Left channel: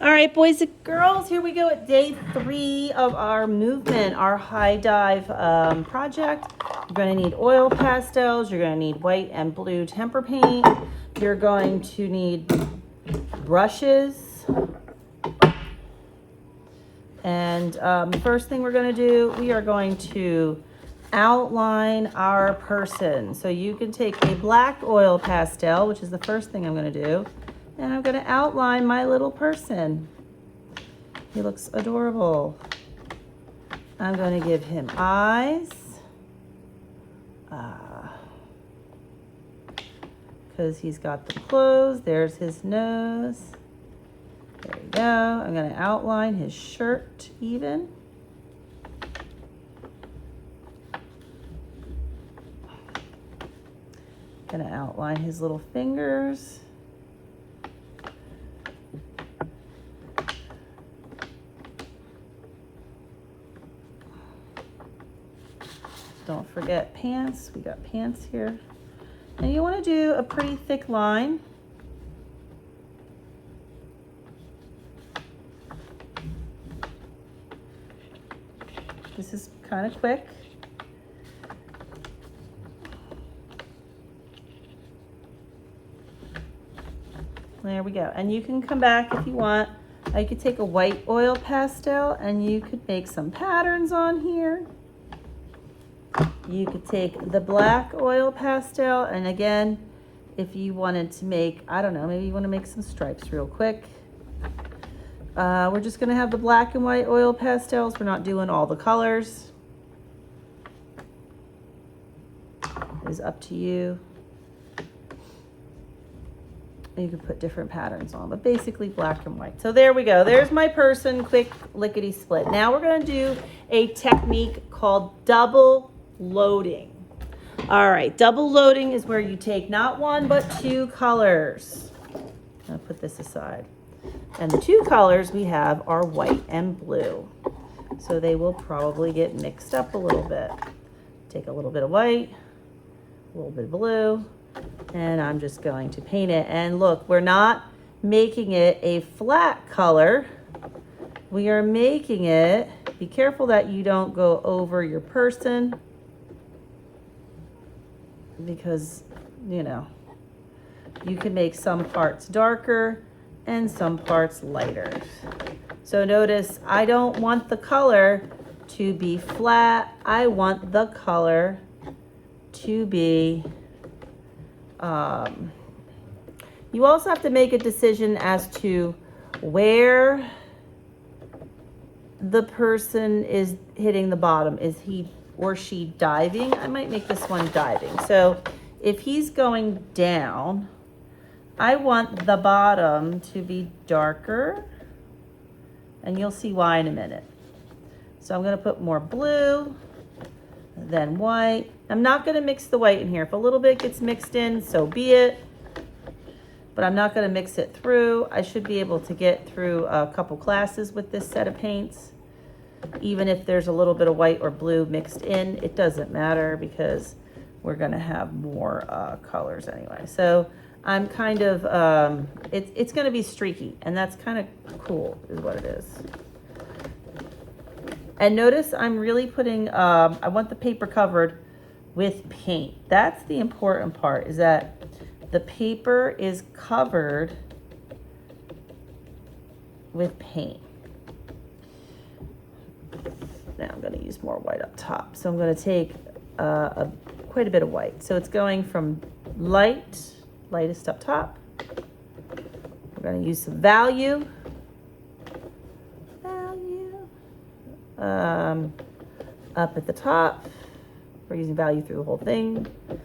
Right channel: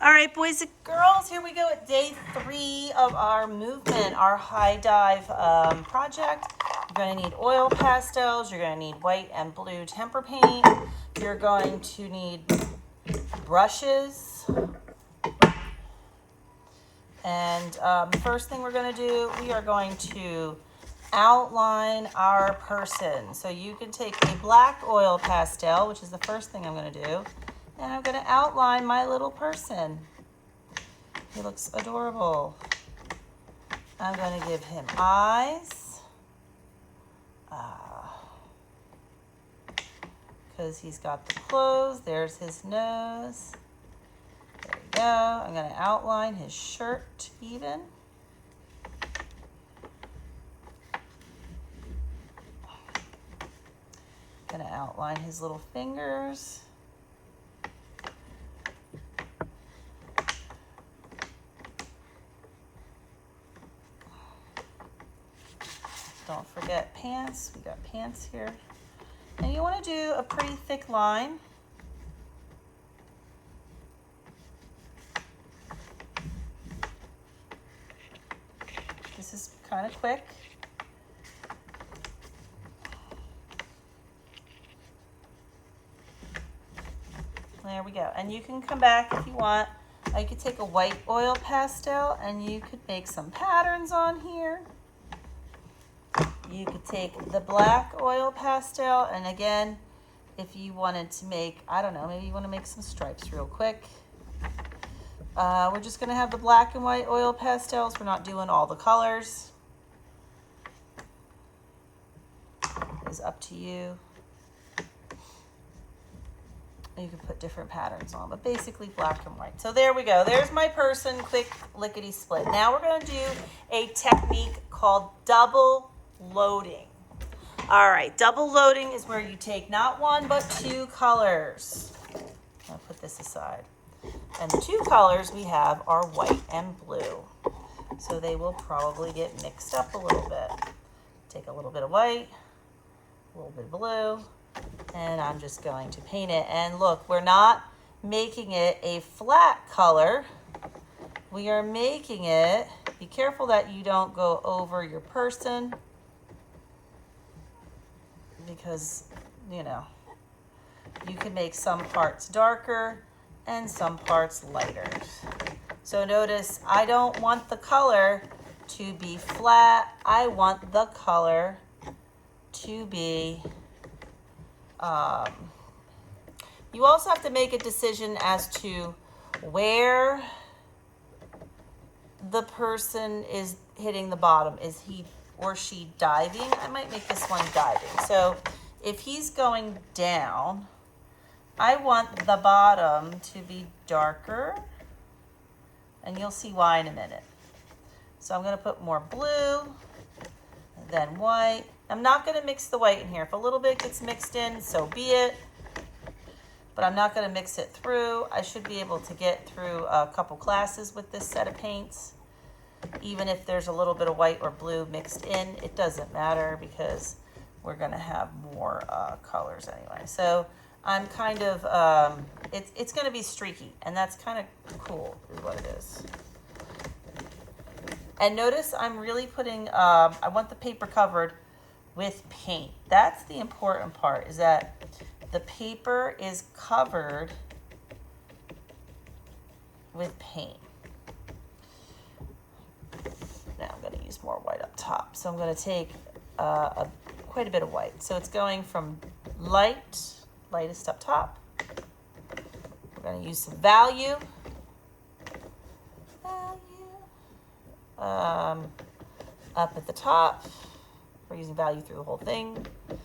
All right, boys and girls, here we go at day 3 of our movement, our high dive project. You're going to need oil pastels. You're going to need white and blue tempera paint. You're going to need brushes. And the first thing we're going to do, we are going to outline our person. So you can take a black oil pastel, which is the first thing I'm going to do, and I'm going to outline my little person. He looks adorable. I'm going to give him eyes, because he's got the clothes. There's his nose. There we go. I'm going to outline his shirt even. Going to outline his little fingers. Don't forget pants. We got pants here. And you want to do a pretty thick line. This is kind of quick. There we go. And you can come back if you want. You could take a white oil pastel and you could make some patterns on here. You could take the black oil pastel, and again, if you wanted to make, I don't know, maybe you want to make some stripes real quick. We're just going to have the black and white oil pastels. We're not doing all the colors. It's up to you. You can put different patterns on, but basically black and white. So there we go. There's my person, quick lickety split. Now we're going to do a technique called double loading. All right, double loading is where you take not one, but 2 colors. I'll put this aside. And the 2 colors we have are white and blue. So they will probably get mixed up a little bit. Take a little bit of white, a little bit of blue, and I'm just going to paint it. And look, we're not making it a flat color. We are making it, be careful that you don't go over your person, because, you know, you can make some parts darker and some parts lighter. So notice, I don't want the color to be flat. I want the color to be, you also have to make a decision as to where the person is hitting the bottom. Is he or she diving? I might make this one diving. So if he's going down, I want the bottom to be darker, and you'll see why in a minute. So I'm going to put more blue, then white. I'm not going to mix the white in here. If a little bit gets mixed in, so be it. But I'm not going to mix it through. I should be able to get through a couple classes with this set of paints. Even if there's a little bit of white or blue mixed in, it doesn't matter because we're going to have more colors anyway. So I'm kind of, it's going to be streaky, and that's kind of cool is what it is. And notice I'm really putting, I want the paper covered with paint. That's the important part, is that the paper is covered with paint. Now I'm going to use more white up top. So I'm going to take quite a bit of white. So it's going from lightest up top. We're going to use some value. Up at the top. We're using value through the whole thing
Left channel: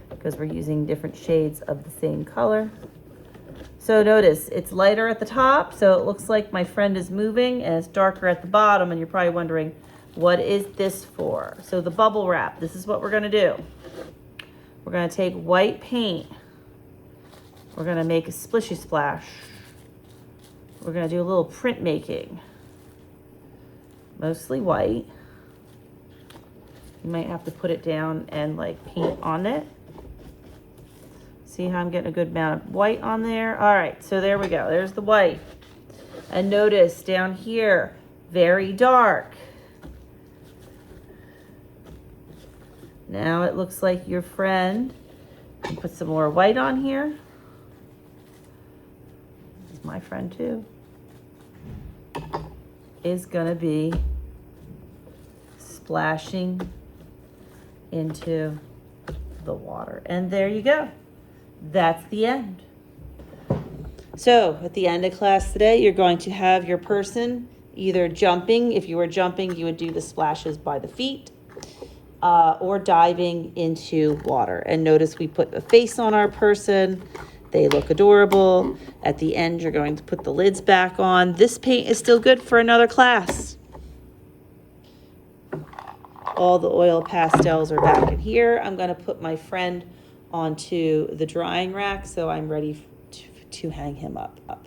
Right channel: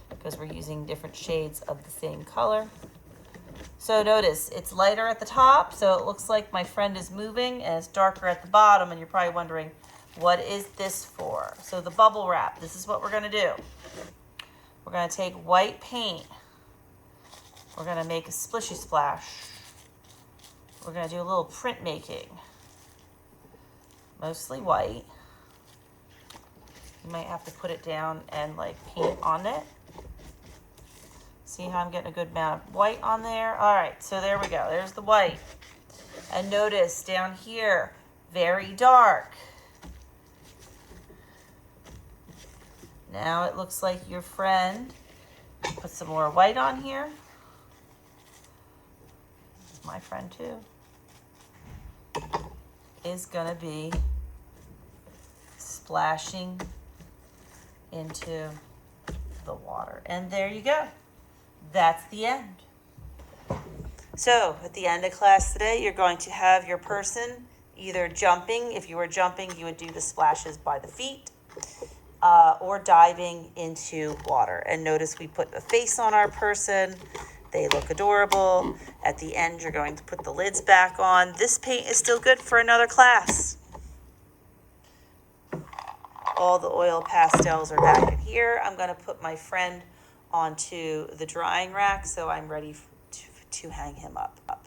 because we're using different shades of the same color. So notice it's lighter at the top, so it looks like my friend is moving, and it's darker at the bottom, and you're probably wondering, what is this for? So the bubble wrap, this is what we're going to do. We're going to take white paint. We're going to make a splishy splash. We're going to do a little print making. Mostly white. You might have to put it down and like paint on it. See how I'm getting a good amount of white on there? All right, so there we go. There's the white. And notice down here, very dark. Now it looks like your friend, put some more white on here. This is my friend too. Is gonna be splashing into the water. And there you go. That's the end. So at the end of class today, you're going to have your person either jumping. If you were jumping, you would do the splashes by the feet, or diving into water. And notice we put a face on our person. They look adorable. At the end, you're going to put the lids back on. This paint is still good for another class. All the oil pastels are back in here. I'm going to put my friend onto the drying rack so I'm ready to hang him up.